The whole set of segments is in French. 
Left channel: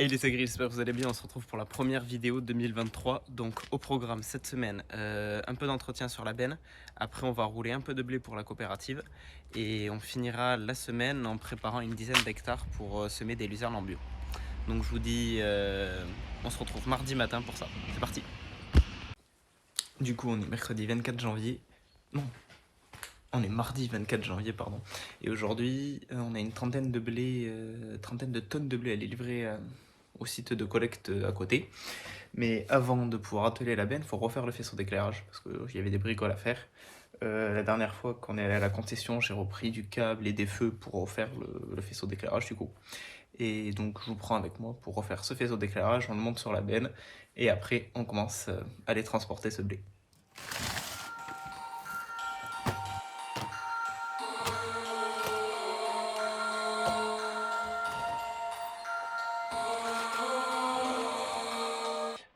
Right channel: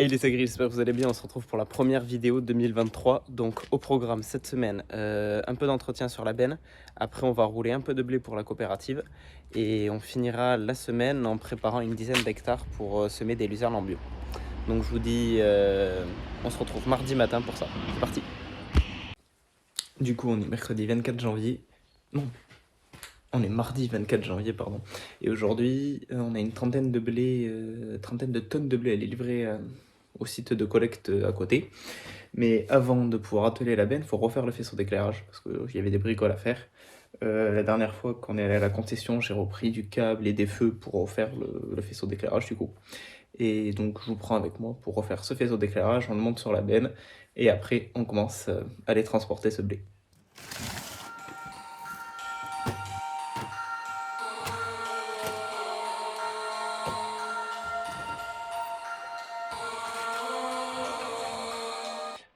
Hey les agris, j'espère que vous allez bien. On se retrouve pour la première vidéo de 2023. Donc au programme cette semaine, un peu d'entretien sur la benne. Après on va rouler un peu de blé pour la coopérative. Et on finira la semaine en préparant une dizaine d'hectares pour semer des luzernes en bio. Donc je vous dis, on se retrouve mardi matin pour ça. C'est parti. Du coup on est mercredi 24 janvier. Non, on est mardi 24 janvier, pardon. Et aujourd'hui, on a une trentaine de tonnes de blé à les livrer au site de collecte à côté. Mais avant de pouvoir atteler la benne, il faut refaire le faisceau d'éclairage parce qu'il y avait des bricoles à faire. La dernière fois qu'on est allé à la concession, j'ai repris du câble et des feux pour refaire le faisceau d'éclairage du coup. Et donc je vous prends avec moi pour refaire ce faisceau d'éclairage, on le monte sur la benne et après on commence à aller transporter ce blé.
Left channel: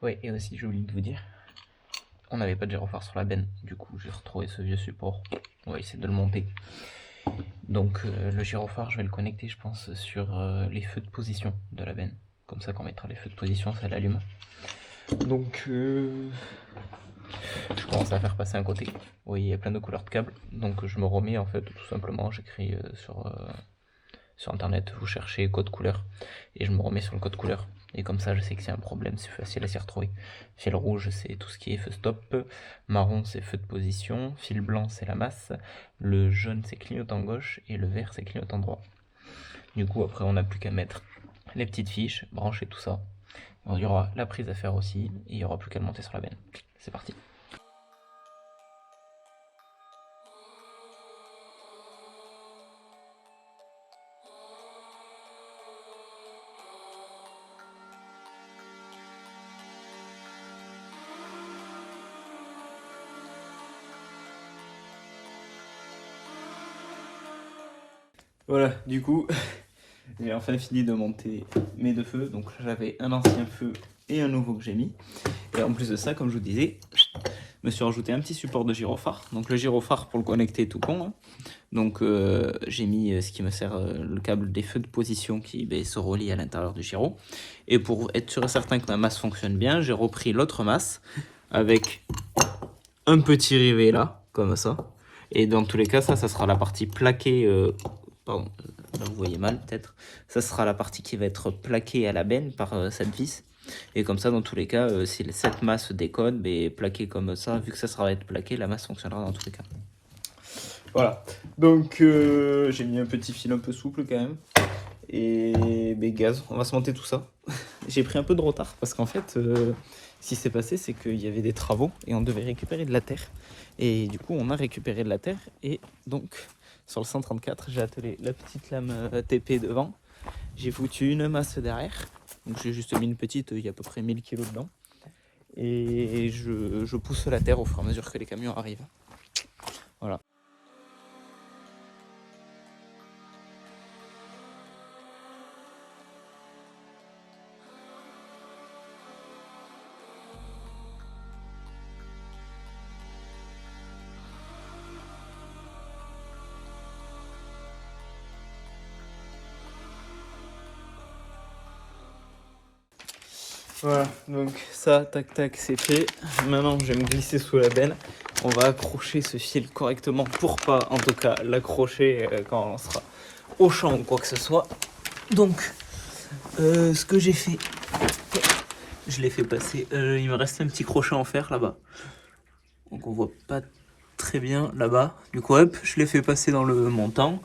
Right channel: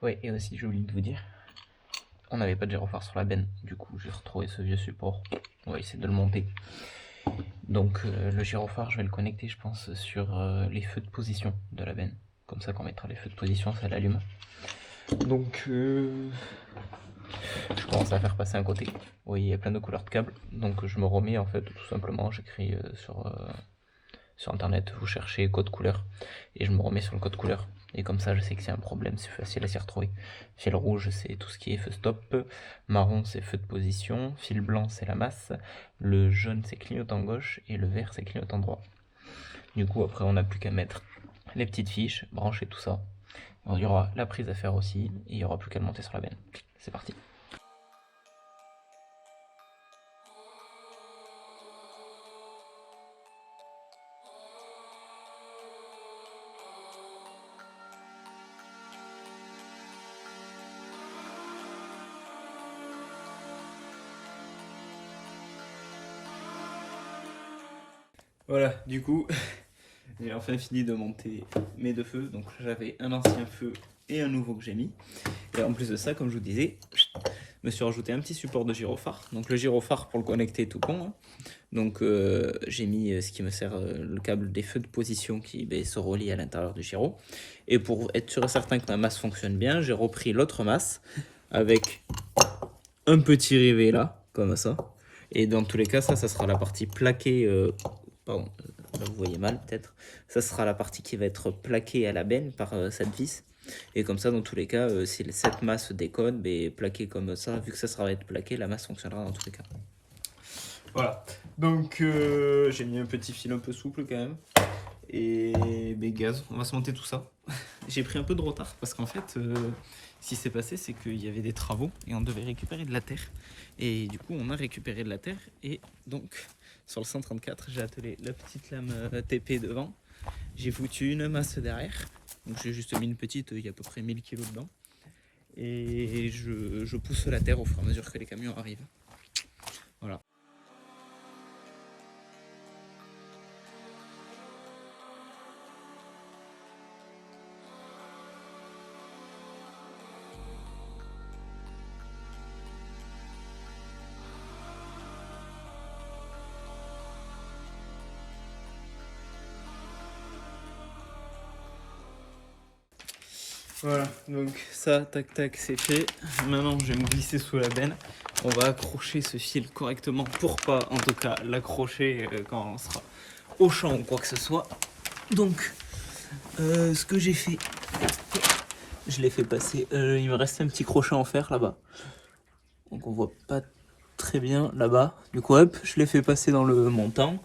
Ouais, et aussi j'ai oublié de vous dire, on n'avait pas de gyrophare sur la benne, du coup j'ai retrouvé ce vieux support, on va essayer de le monter. Donc le gyrophare, je vais le connecter je pense sur les feux de position de la benne, comme ça quand on mettra les feux de position ça l'allume. Donc je commence à faire passer un côté, vous voyez il y a plein de couleurs de câbles, donc je me remets en fait tout simplement, j'écris sur internet, vous cherchez code couleur, et je me remets sur le code couleur. Et comme ça, je sais que s'il y a un problème, c'est facile à s'y retrouver. Fil rouge, c'est tout ce qui est feu stop. Marron, c'est feu de position. Fil blanc, c'est la masse. Le jaune, c'est clignotant gauche. Et le vert, c'est clignotant droit. Du coup, après, on n'a plus qu'à mettre les petites fiches, brancher tout ça. Il y aura la prise à faire aussi. Et il n'y aura plus qu'à le monter sur la benne. C'est parti. Voilà, du coup, j'ai enfin fini de monter mes deux feux. Donc j'avais un ancien feu et un nouveau que j'ai mis. Et en plus de ça, comme je vous disais, je me suis rajouté un petit support de gyrophare. Donc le gyrophare pour le connecter tout con. Hein. Donc j'ai mis ce qui me sert le câble des feux de position qui se relie à l'intérieur du gyro. Et pour être sûr et certain que ma masse fonctionne bien, j'ai repris l'autre masse avec un petit rivet là, comme ça. Et dans tous les cas, ça sera la partie plaquée. Pardon, là vous voyez mal peut-être. Ça sera la partie qui va être plaquée à la benne par cette vis. Et comme ça, dans tous les cas, si cette masse déconne, plaquée comme ça, vu que ça sera être plaqué, la masse fonctionnera dans tous les cas. Voilà, donc j'ai mis un petit fil un peu souple quand même. Et gaz, on va se monter tout ça. J'ai pris un peu de retard parce qu'en fait, ce qui s'est passé, c'est qu'il y avait des travaux et on devait récupérer de la terre. Et du coup, on a récupéré de la terre et donc sur le 134, j'ai attelé la petite lame TP devant. J'ai foutu une masse derrière. Donc j'ai juste mis une petite, il y a à peu près 1000 kg dedans. Et je pousse la terre au fur et à mesure que les camions arrivent. Voilà. Voilà, donc ça, tac tac, c'est fait. Maintenant, je vais me glisser sous la benne. On va accrocher ce fil correctement pour pas, en tout cas, l'accrocher quand on sera au champ ou quoi que ce soit. Donc, ce que j'ai fait, je l'ai fait passer. Il me reste un petit crochet en fer là-bas. Donc, on voit pas très bien là-bas. Du coup, hop, je l'ai fait passer dans le montant.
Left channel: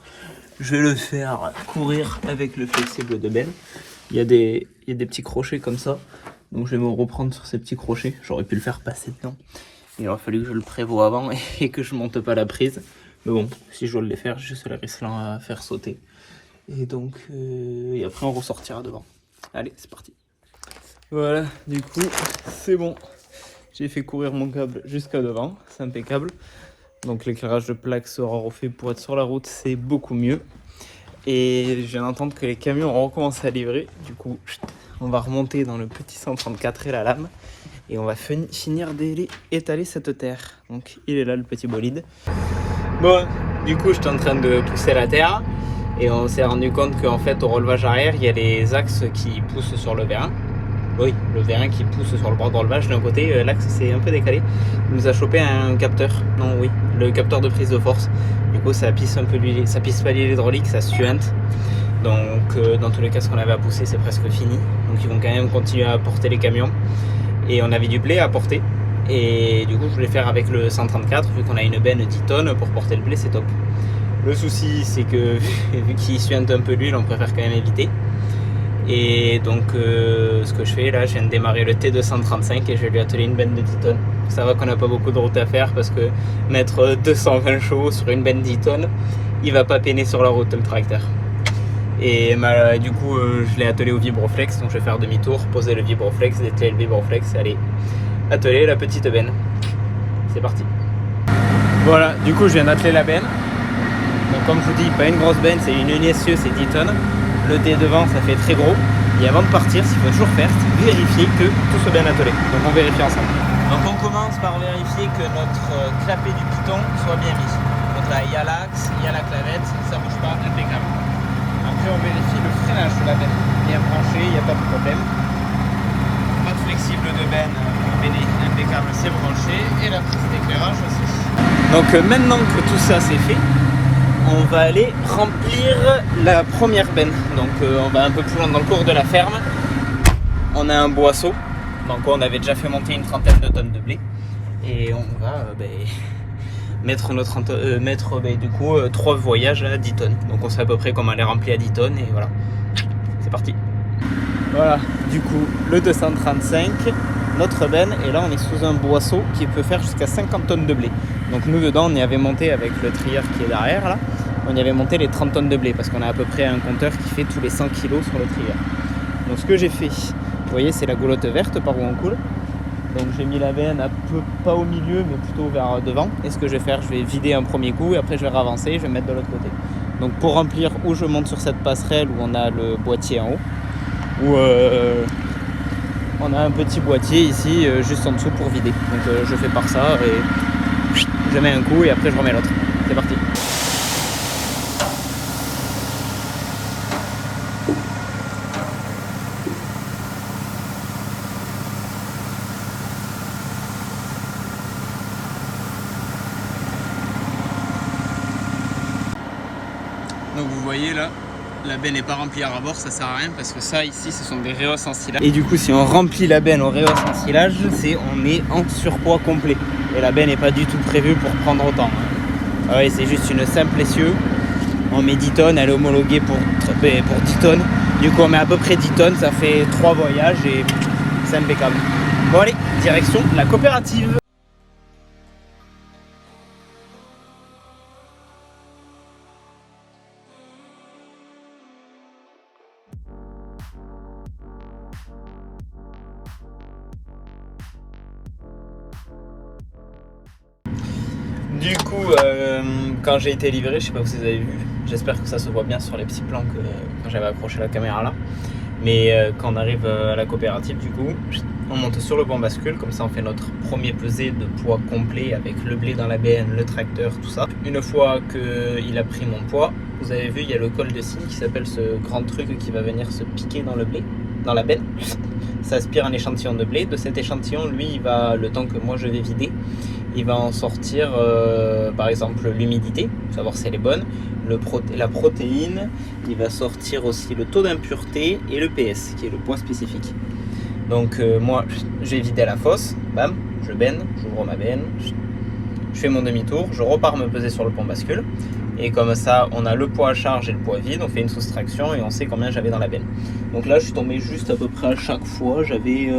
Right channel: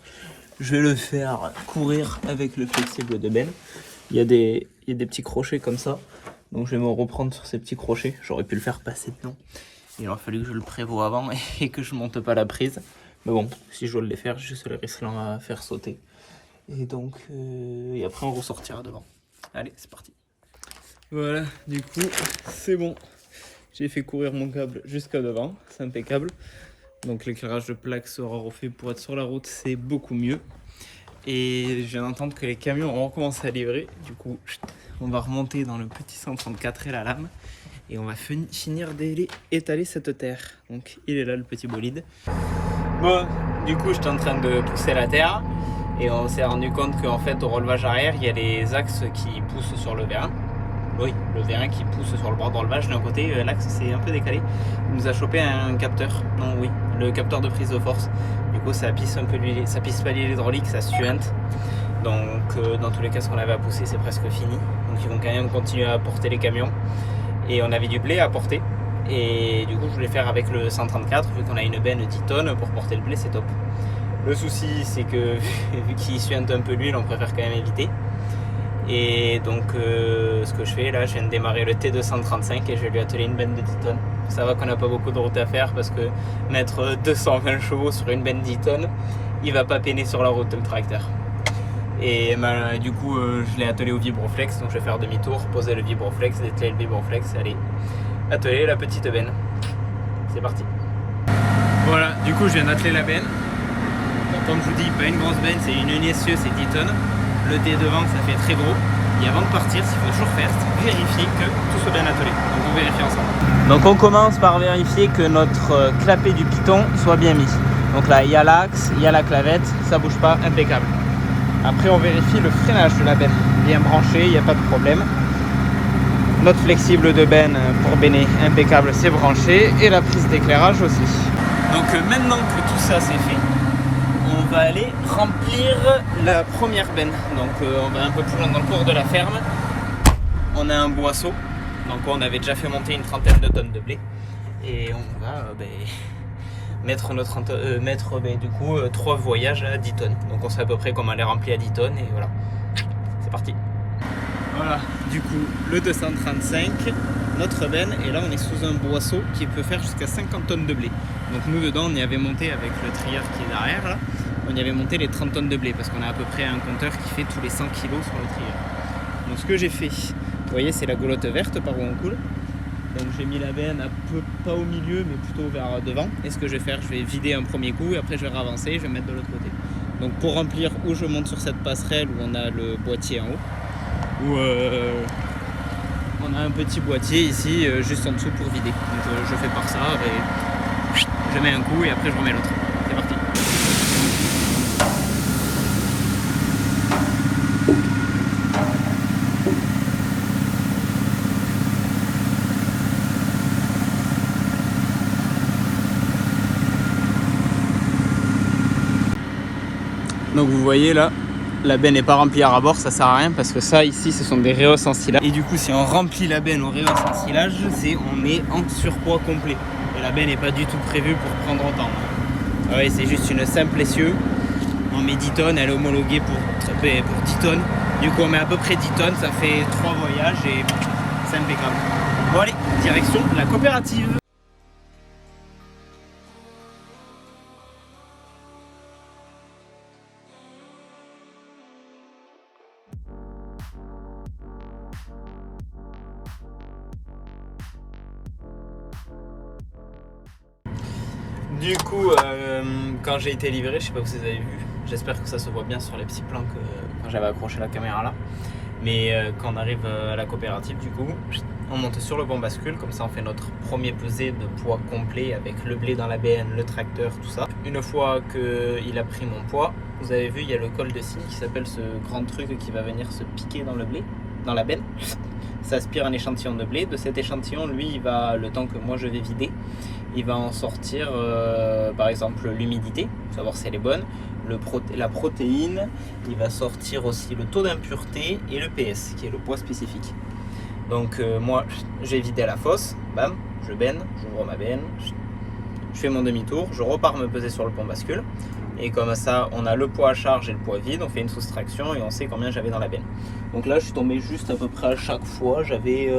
Je vais le faire courir avec le flexible de benne. Il y a des petits crochets comme ça. Donc je vais me reprendre sur ces petits crochets. J'aurais pu le faire passer dedans. Il aura fallu que je le prévoie avant et que je monte pas la prise. Mais bon, si je dois le faire, juste la Riesling à faire sauter. Et donc, et après on ressortira devant. Allez, c'est parti. Voilà, du coup, c'est bon. J'ai fait courir mon câble jusqu'à devant. C'est impeccable. Donc l'éclairage de plaque sera refait pour être sur la route, c'est beaucoup mieux. Et je viens d'entendre que les camions ont recommencé à livrer. Du coup, on va remonter dans le petit 134 et la lame. Et on va finir d'étaler cette terre. Donc il est là le petit bolide. Bon, du coup, je suis en train de pousser la terre. Et on s'est rendu compte qu'en fait au relevage arrière, il y a les axes qui poussent sur le vérin. Oui, le vérin qui pousse sur le bord de relevage. D'un côté, l'axe c'est un peu décalé. Il nous a chopé un capteur. Non, oui, le capteur de prise de force. Du coup, ça pisse un peu l'huile, ça pisse pas l'huile hydraulique, ça suinte. Donc, dans tous les cas, ce qu'on avait à pousser, c'est presque fini. Donc, ils vont quand même continuer à porter les camions. Et on avait du blé à porter. Et du coup, je voulais faire avec le 134, vu qu'on a une benne 10 tonnes pour porter le blé, c'est top. Le souci, c'est que vu qu'il suinte un peu l'huile, on préfère quand même éviter. Et donc ce que je fais là, je viens de démarrer le T235 et je vais lui atteler une benne de 10 tonnes. Ça va qu'on n'a pas beaucoup de route à faire parce que mettre 220 chevaux sur une benne 10 tonnes, il va pas peiner sur la route le tracteur. Et du coup je l'ai attelé au vibroflex, donc je vais faire demi-tour, poser le vibroflex, dételer le vibroflex et aller atteler la petite benne. C'est parti. Voilà, du coup je viens d'atteler la benne. Donc comme je vous dis, pas une grosse benne, c'est une essieu, c'est 10 tonnes. Le dé devant, ça fait très gros. Et avant de partir, ce qu'il faut toujours faire, c'est vérifier que tout soit bien attelé. Donc on vérifie ensemble. Donc on commence par vérifier que notre clapet du piton soit bien mis. Donc là, il y a l'axe, il y a la clavette, ça bouge pas, impeccable. Après, on vérifie le freinage de la benne. Bien branché, il n'y a pas de problème. Notre flexible de benne pour benner, impeccable, c'est branché. Et la prise d'éclairage aussi. Donc maintenant que tout ça c'est fait, on va aller remplir la première benne. Donc on va un peu plus loin dans le cours de la ferme. On a un boisseau. Donc on avait déjà fait monter une trentaine de tonnes de blé. Et on va mettre du coup 3 voyages à 10 tonnes. Donc on sait à peu près comment les remplir à 10 tonnes et voilà. C'est parti. Voilà, du coup le 235, notre benne, et là on est sous un boisseau qui peut faire jusqu'à 50 tonnes de blé. Donc nous dedans on y avait monté avec le trieur qui est derrière là. On y avait monté les 30 tonnes de blé parce qu'on a à peu près un compteur qui fait tous les 100 kg sur le trieur. Donc ce que j'ai fait, vous voyez, c'est la goulotte verte par où on coule. Donc j'ai mis la benne pas au milieu mais plutôt vers devant. Et ce que je vais faire, je vais vider un premier coup et après je vais ravancer et je vais mettre de l'autre côté. Donc pour remplir, où je monte sur cette passerelle où on a le boîtier en haut, où on a un petit boîtier ici juste en dessous pour vider. Donc je fais par ça et je mets un coup et après je remets l'autre. C'est parti. Donc vous voyez là, la benne n'est pas remplie à rabord, ça sert à rien parce que ça ici ce sont des réhausses en silage. Et du coup si on remplit la benne aux réhausses en silage, on est en surpoids complet. Et la benne n'est pas du tout prévue pour prendre autant. Ouais, c'est juste une simple essieu. On met 10 tonnes, elle est homologuée pour 10 tonnes. Du coup on met à peu près 10 tonnes, ça fait 3 voyages et c'est impeccable. Bon allez, direction la coopérative. Du coup, quand j'ai été livré, je sais pas si vous avez vu, j'espère que ça se voit bien sur les petits plans quand j'avais accroché la caméra là. Mais quand on arrive à la coopérative, du coup, on monte sur le banc bascule, comme ça on fait notre premier pesé de poids complet avec le blé dans la benne, le tracteur, tout ça. Une fois qu'il a pris mon poids, vous avez vu, il y a le col de cygne qui s'appelle ce grand truc qui va venir se piquer dans le blé, dans la benne. Ça aspire un échantillon de blé. De cet échantillon, lui, il va, le temps que moi je vais vider, il va en sortir par exemple l'humidité, savoir si elle est bonne, la protéine, il va sortir aussi le taux d'impureté et le PS, qui est le poids spécifique. Donc moi, je vais vider la fosse, bam, je benne, j'ouvre ma benne, je fais mon demi-tour, je repars me peser sur le pont bascule. Et comme ça, on a le poids à charge et le poids vide, on fait une soustraction et on sait combien j'avais dans la benne. Donc là, je suis tombé juste à peu près à chaque fois. J'avais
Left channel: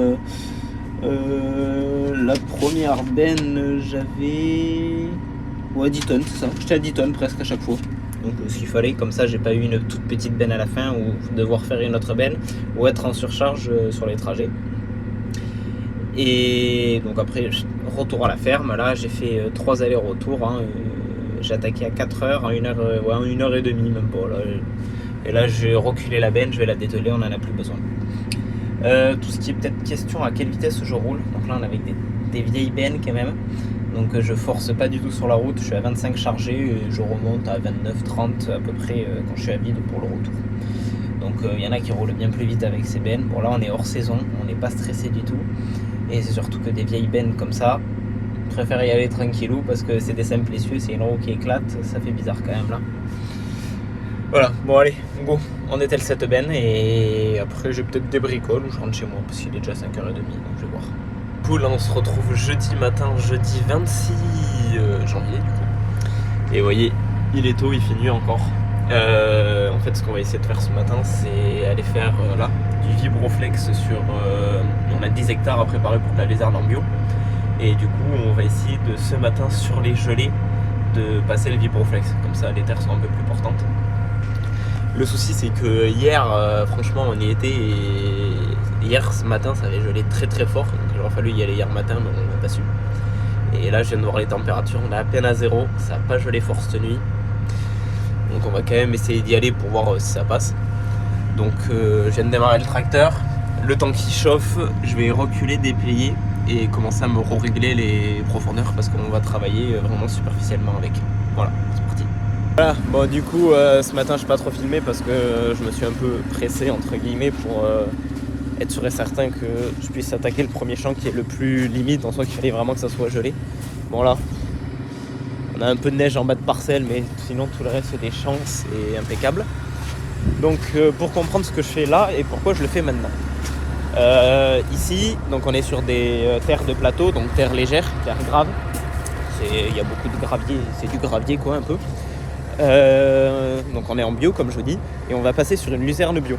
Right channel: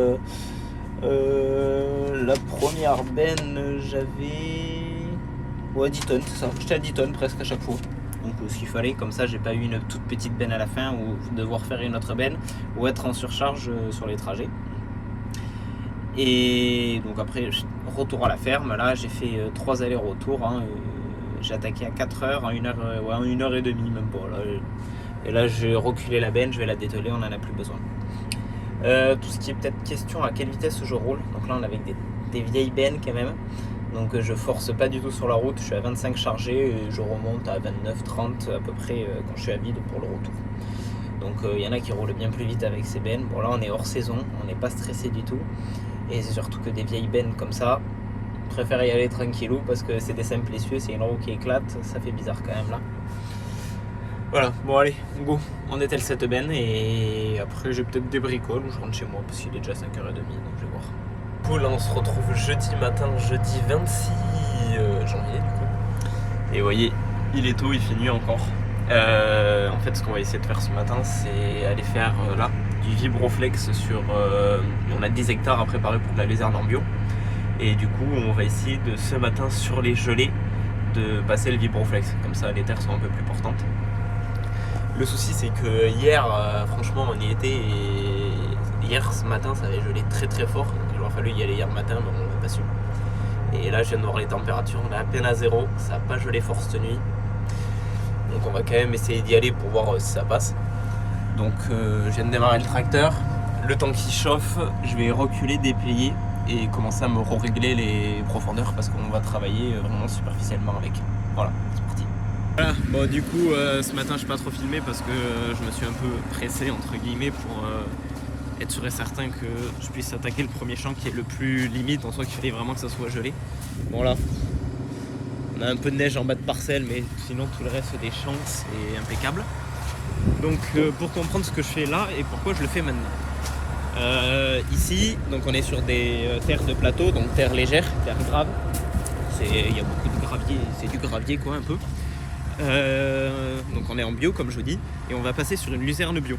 la première benne, j'avais 10 tonnes, c'est ça. J'étais à 10 tonnes presque à chaque fois. Donc ce qu'il fallait, comme ça, j'ai pas eu une toute petite benne à la fin ou devoir faire une autre benne ou être en surcharge sur les trajets. Et donc après, retour à la ferme. Là, j'ai fait 3 allers-retours. J'ai attaqué à 4 heures, en 1 heure et demie même pas. Là. Et là j'ai reculé la benne, je vais la dételer, on n'en a plus besoin. Tout ce qui est peut-être question à quelle vitesse je roule. Donc là on est avec des vieilles bennes quand même. Donc je force pas du tout sur la route, je suis à 25 chargés et je remonte à 29-30 à peu près quand je suis à vide pour le retour. Donc il y en a qui roulent bien plus vite avec ces bennes. Bon là on est hors saison, on n'est pas stressé du tout. Et c'est surtout que des vieilles bennes comme ça, je préfère y aller tranquillou parce que c'est des simples essieux, c'est une roue qui éclate, ça fait bizarre quand même là. Voilà, bon allez, go, on étale cette benne et après j'ai peut-être des bricoles ou je rentre chez moi parce qu'il est déjà 5h30 donc je vais voir. Cool, on se retrouve jeudi matin, jeudi 26 janvier du coup. Et vous voyez, il est tôt, il fait nuit encore. En fait ce qu'on va essayer de faire ce matin c'est aller faire là du vibroflex sur... on a 10 hectares à préparer pour de la luzerne en bio. Et du coup on va essayer de ce matin sur les gelées de passer le vibroflex. Comme ça les terres sont un peu plus portantes. Le souci c'est que hier franchement on y était et hier ce matin ça avait gelé très très fort. Donc il aurait fallu y aller hier matin mais on n'a pas su. Et là je viens de voir les températures, on est à peine à 0, ça n'a pas gelé fort cette nuit. Donc on va quand même essayer d'y aller pour voir si ça passe. Donc je viens de démarrer le tracteur. Le temps qu'il chauffe, je vais reculer, déplier et commencer à me régler les profondeurs parce qu'on va travailler vraiment superficiellement avec. Voilà, c'est parti. Voilà, bon du coup ce matin je n'ai pas trop filmé parce que je me suis un peu pressé entre guillemets pour être sûr et certain que je puisse attaquer le premier champ qui est le plus limite, en soi qu'il fallait vraiment que ça soit gelé. Bon là, on a un peu de neige en bas de parcelle mais sinon tout le reste des champs c'est impeccable. Donc pour comprendre ce que je fais là et pourquoi je le fais maintenant. Ici, donc on est sur des terres de plateau, donc terre légère, terre grave. Il y a beaucoup de gravier, c'est du gravier quoi un peu. Donc on est en bio comme je vous dis et on va passer sur une luzerne bio.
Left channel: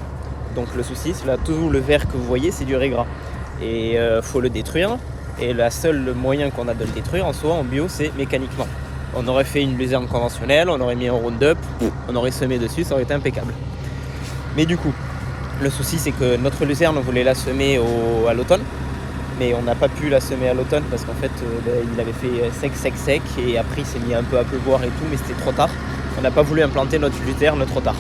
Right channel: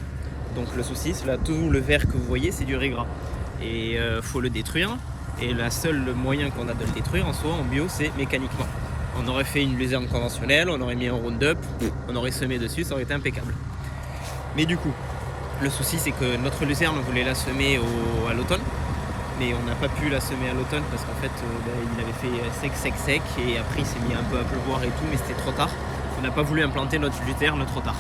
Donc le souci c'est là tout le vert que vous voyez c'est du régras et faut le détruire et le seul moyen qu'on a de le détruire en soi en bio c'est mécaniquement. On aurait fait une luzerne conventionnelle, on aurait mis un Roundup, on aurait semé dessus, ça aurait été impeccable. Mais du coup le souci c'est que notre luzerne on voulait la semer à l'automne mais on n'a pas pu la semer à l'automne parce qu'en fait il avait fait sec et après il s'est mis un peu à pleuvoir et tout mais c'était trop tard. On n'a pas voulu implanter notre luzerne trop tard.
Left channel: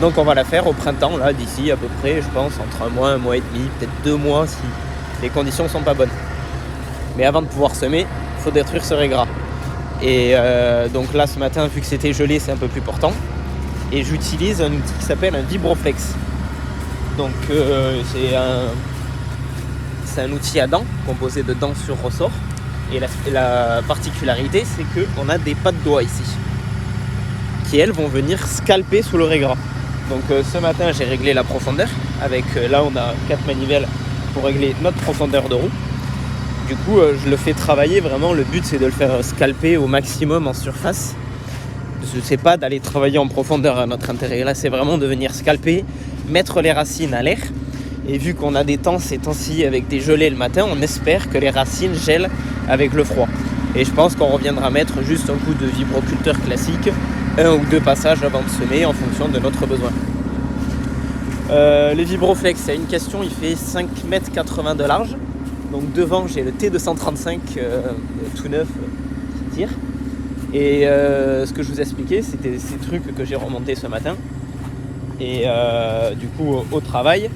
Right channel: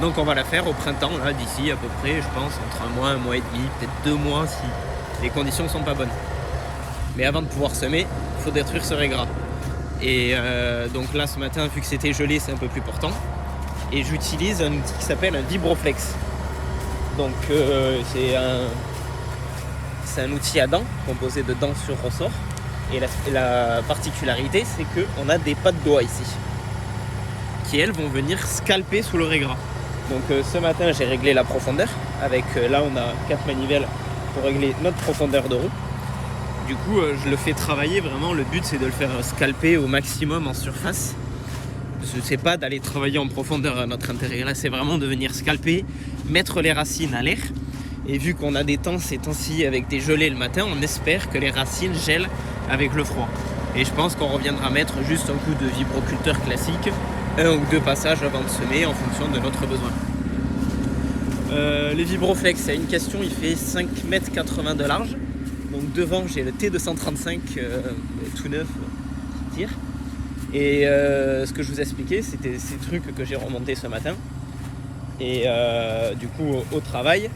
Donc on va la faire au printemps, là d'ici à peu près, je pense, entre un mois et demi, peut-être 2 mois si les conditions sont pas bonnes. Mais avant de pouvoir semer, il faut détruire ce régras. Et donc là ce matin, vu que c'était gelé, c'est un peu plus portant. Et j'utilise un outil qui s'appelle un vibroflex. Donc c'est un outil à dents, composé de dents sur ressort. Et la particularité, c'est qu'on a des pattes doigts ici, qui elles vont venir scalper sous le régras. Donc ce matin j'ai réglé la profondeur avec là on a 4 manivelles pour régler notre profondeur de roue. Du coup je le fais travailler vraiment, le but c'est de le faire scalper au maximum en surface. C'est pas d'aller travailler en profondeur à notre intérêt, là c'est vraiment de venir scalper, mettre les racines à l'air. Et vu qu'on a des temps ces temps-ci avec des gelées le matin, on espère que les racines gèlent avec le froid. Et je pense qu'on reviendra mettre juste un coup de vibroculteur classique, 1 ou 2 passages avant de semer en fonction de notre besoin. Les vibroflex, c'est une question, il fait 5,80 m de large. Donc devant j'ai le T235 tout neuf qui tire. Et ce que je vous expliquais, c'était ces trucs que j'ai remontés ce matin. Et du coup au travail,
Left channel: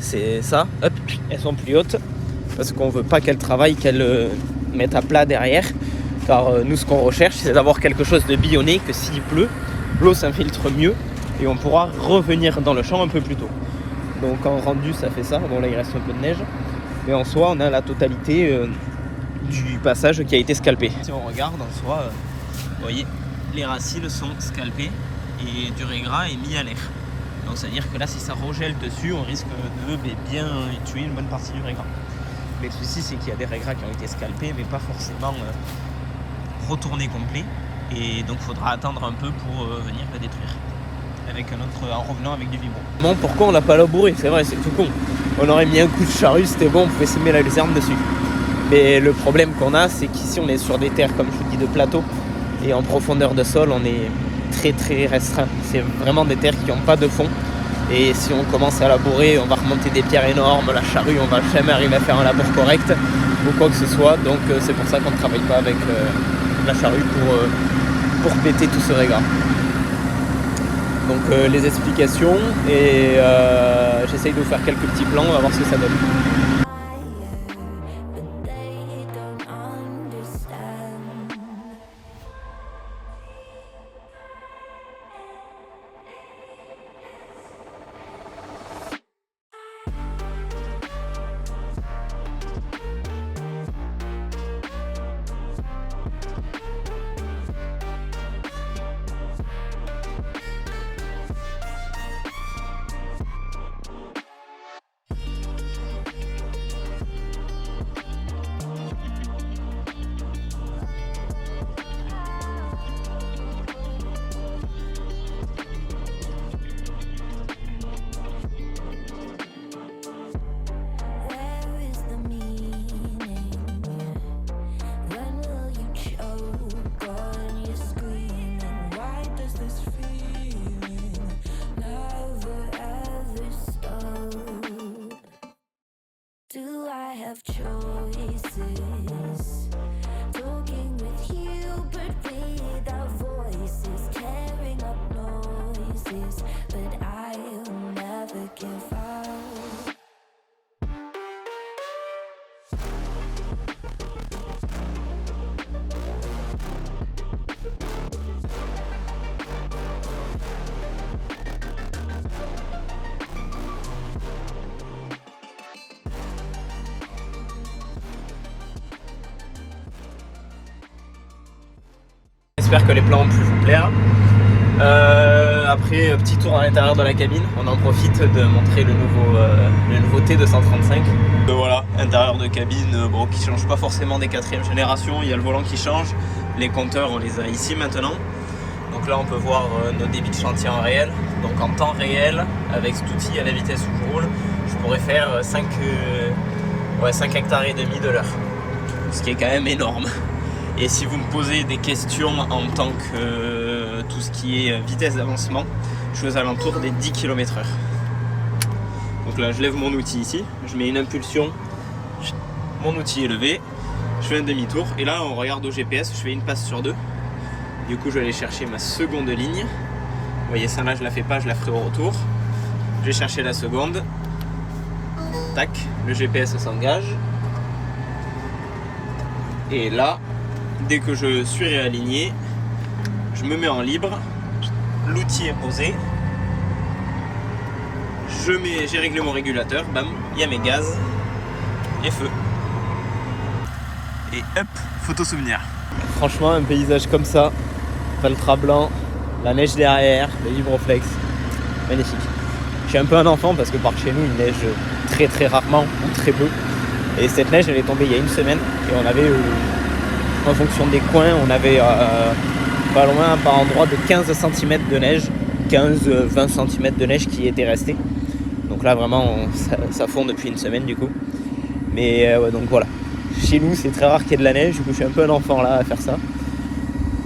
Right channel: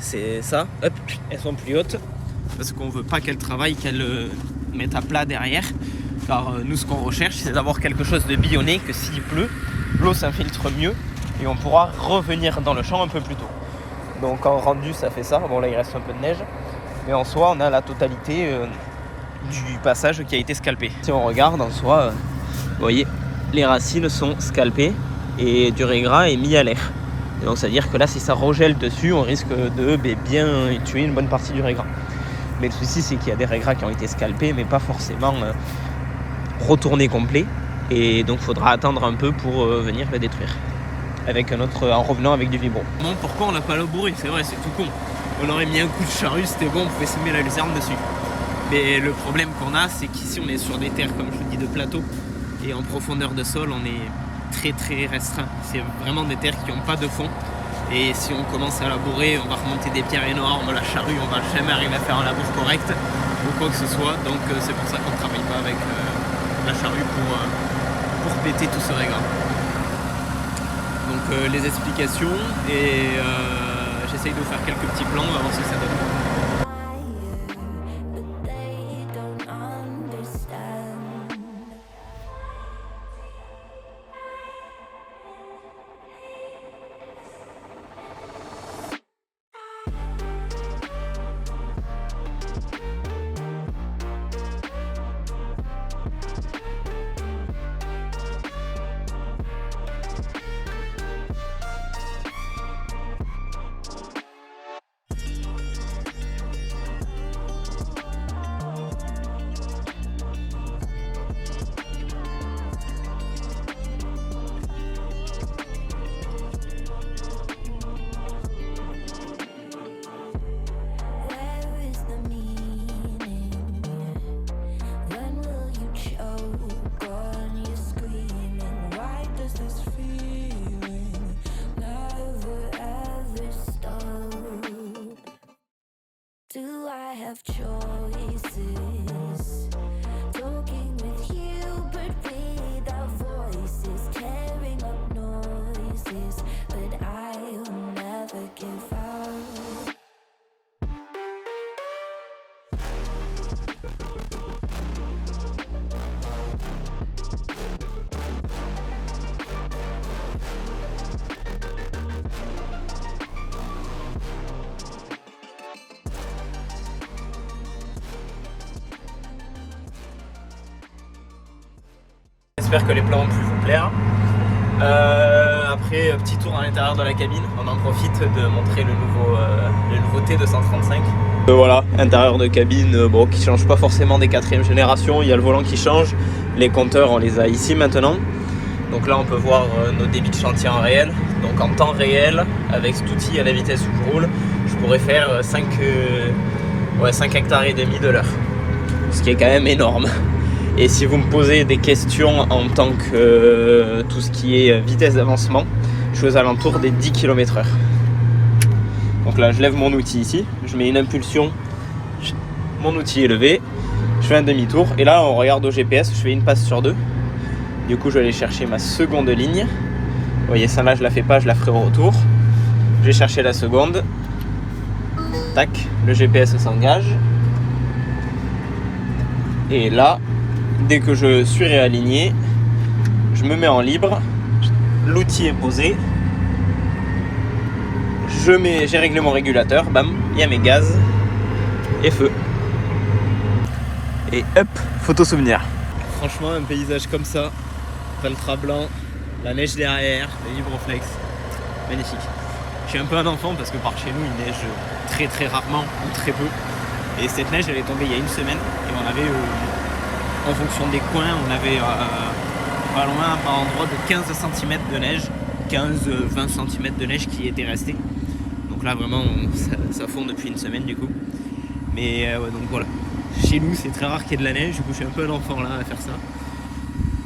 c'est ça, hop, elles sont plus hautes parce qu'on veut pas qu'elles travaillent, qu'elles mettent à plat derrière. Car nous ce qu'on recherche c'est d'avoir quelque chose de bionné, que s'il pleut, l'eau s'infiltre mieux et on pourra revenir dans le champ un peu plus tôt. Donc en rendu ça fait ça, bon là il reste un peu de neige, mais en soi on a la totalité du passage qui a été scalpé. Si on regarde en soi, vous voyez, les racines sont scalpées et du régras est mis à l'air. Donc c'est à dire que là si ça regèle dessus on risque de bien tuer une bonne partie du régras. Mais le souci c'est qu'il y a des régras qui ont été scalpés mais pas forcément retournés complets et donc il faudra attendre un peu pour venir le détruire avec en revenant avec du vibro. Bon, pourquoi on l'a pas labouré? C'est vrai, c'est tout con. On aurait mis un coup de charrue, c'était bon, on pouvait semer la luzerne dessus. Mais le problème qu'on a c'est qu'ici on est sur des terres comme je vous dis de plateau et en profondeur de sol on est très très restreint. C'est vraiment des terres qui n'ont pas de fond et si on commence à labourer on va remonter des pierres énormes, la charrue on va jamais arriver à faire un labour correct ou quoi que ce soit, donc c'est pour ça qu'on ne travaille pas avec la charrue pour péter tout ce régras. Donc les explications et j'essaye de vous faire quelques petits plans, on va voir ce que ça donne. have choices. Talking with you, but without voices, tearing up noises. But I'll never give up. J'espère que les plans ont pu vous plaire. Après, petit tour à l'intérieur de la cabine. On en profite de montrer le nouveau T235. Voilà, intérieur de cabine, bon, qui change pas forcément des 4e génération. Il y a le volant qui change. Les compteurs, on les a ici maintenant. Donc là, on peut voir nos débits de chantier en réel. Donc en temps réel, avec cet outil à la vitesse où je roule, je pourrais faire 5 hectares et demi de l'heure. Ce qui est quand même énorme. Et si vous me posez des questions en tant que tout ce qui est vitesse d'avancement, je suis aux alentours des 10 km/h. Donc là, je lève mon outil ici, je mets une impulsion, mon outil est levé, je fais un demi-tour, et là, on regarde au GPS, je fais une passe sur 2. Du coup, je vais aller chercher ma seconde ligne. Vous voyez, ça là, je la fais pas, je la ferai au retour. Je vais chercher la seconde. Tac, le GPS s'engage. Et là, dès que je suis réaligné, je me mets en libre, l'outil est posé, j'ai réglé mon régulateur, bam, il y a mes gaz et feu. Et hop, photo souvenir. Franchement, un paysage comme ça, Valtra blanc, la neige derrière, les vibroflex, magnifique. Je suis un peu un enfant parce que par chez nous il neige très très rarement ou très peu. Et cette neige elle est tombée il y a une semaine et on avait en fonction des coins, on avait pas loin par endroit de 15 cm de neige, 15-20 cm de neige qui était restée. Donc là vraiment ça fond depuis une semaine du coup. Mais ouais, donc voilà, chez nous c'est très rare qu'il y ait de la neige, du coup je suis un peu un enfant là à faire ça.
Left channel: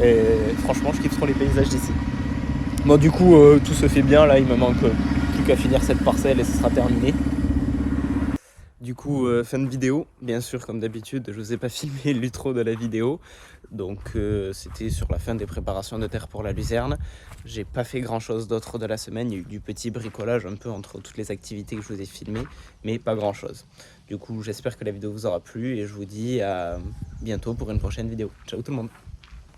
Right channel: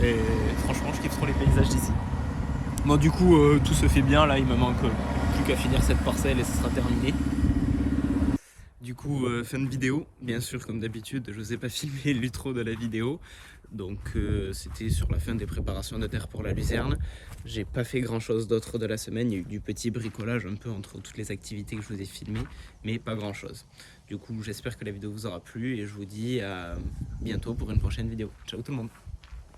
Et franchement je kiffe trop les paysages d'ici. Bon du coup tout se fait bien, là il me manque plus qu'à finir cette parcelle et ce sera terminé. Du coup, fin de vidéo, bien sûr comme d'habitude, je vous ai pas filmé l'intro de la vidéo, donc c'était sur la fin des préparations de terre pour la luzerne. J'ai pas fait grand chose d'autre de la semaine, il y a eu du petit bricolage un peu entre toutes les activités que je vous ai filmées, mais pas grand chose. Du coup, j'espère que la vidéo vous aura plu et je vous dis à bientôt pour une prochaine vidéo. Ciao tout le monde!